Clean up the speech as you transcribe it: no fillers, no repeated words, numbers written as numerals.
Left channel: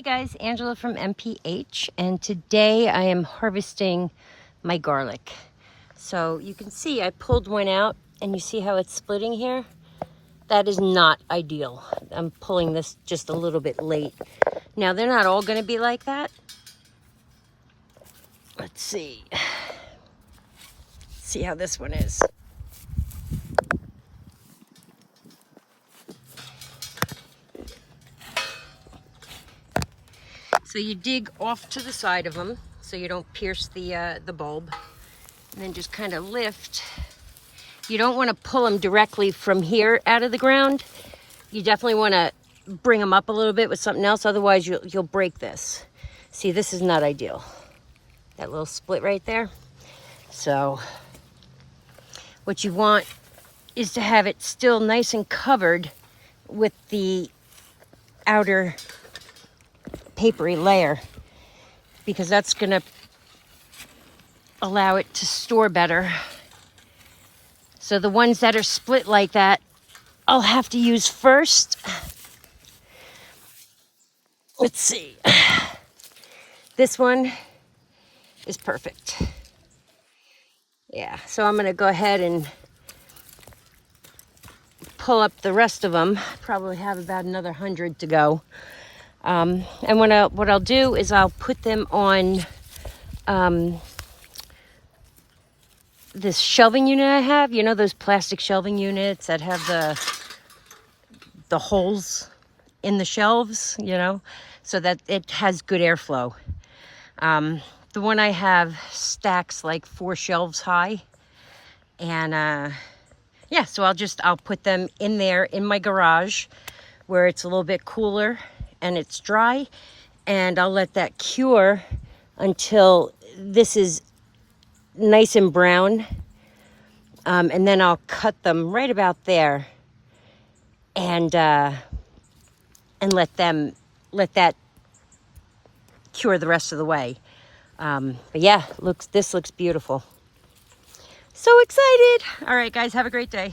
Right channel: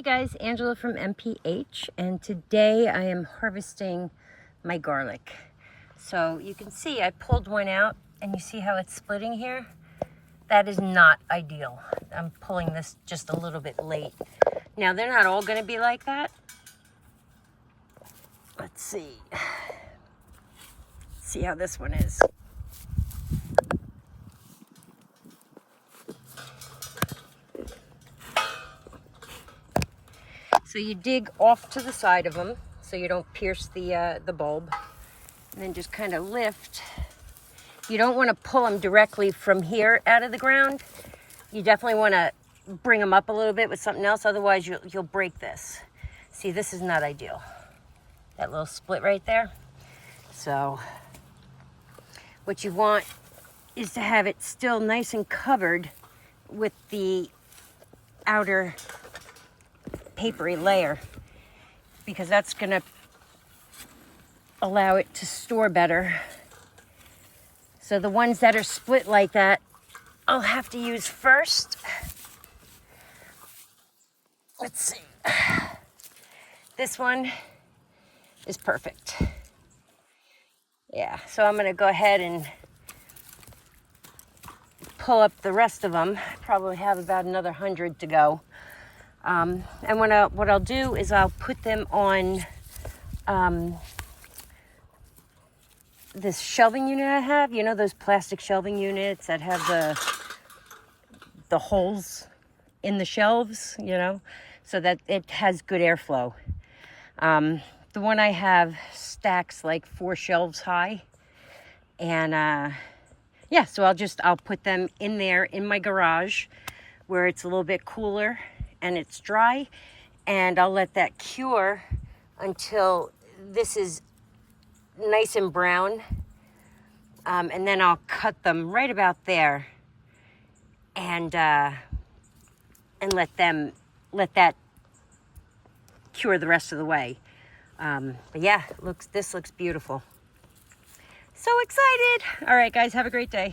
Hey guys, Angela from MPH, and today I am harvesting my garlic. So you can see I pulled one out and you see how it's splitting here? That is not ideal. I'm pulling this just a little bit late. Now they're not all gonna be like that. Let's see. See how this one is. So you dig off to the side of them so you don't pierce the bulb, and then just kind of lift. You don't want to pull them directly from here out of the ground. You definitely want to bring them up a little bit with something else, otherwise you'll break this. See, this is not ideal. That little split right there. So what you want is to have it still nice and covered with the outer papery layer, because that's going to allow it to store better. So the ones that are split like that, I'll have to use first. Let's see. This one is perfect. Yeah, so I'm going to go ahead and pull up the rest of them. Probably have about another 100 to go. And what I'll do is I'll put them on this shelving unit I have. You know those plastic shelving units that have the holes in the shelves, you know, so that it has good airflow. The one I have stacks like 4 shelves high. And yeah, so I'll put them in there in my garage where it's a little bit cooler and it's dry, and I'll let that cure until this is nice and brown, and then I'll cut them right about there and let that cure the rest of the way. But yeah, this looks beautiful. So excited. All right guys, have a great day.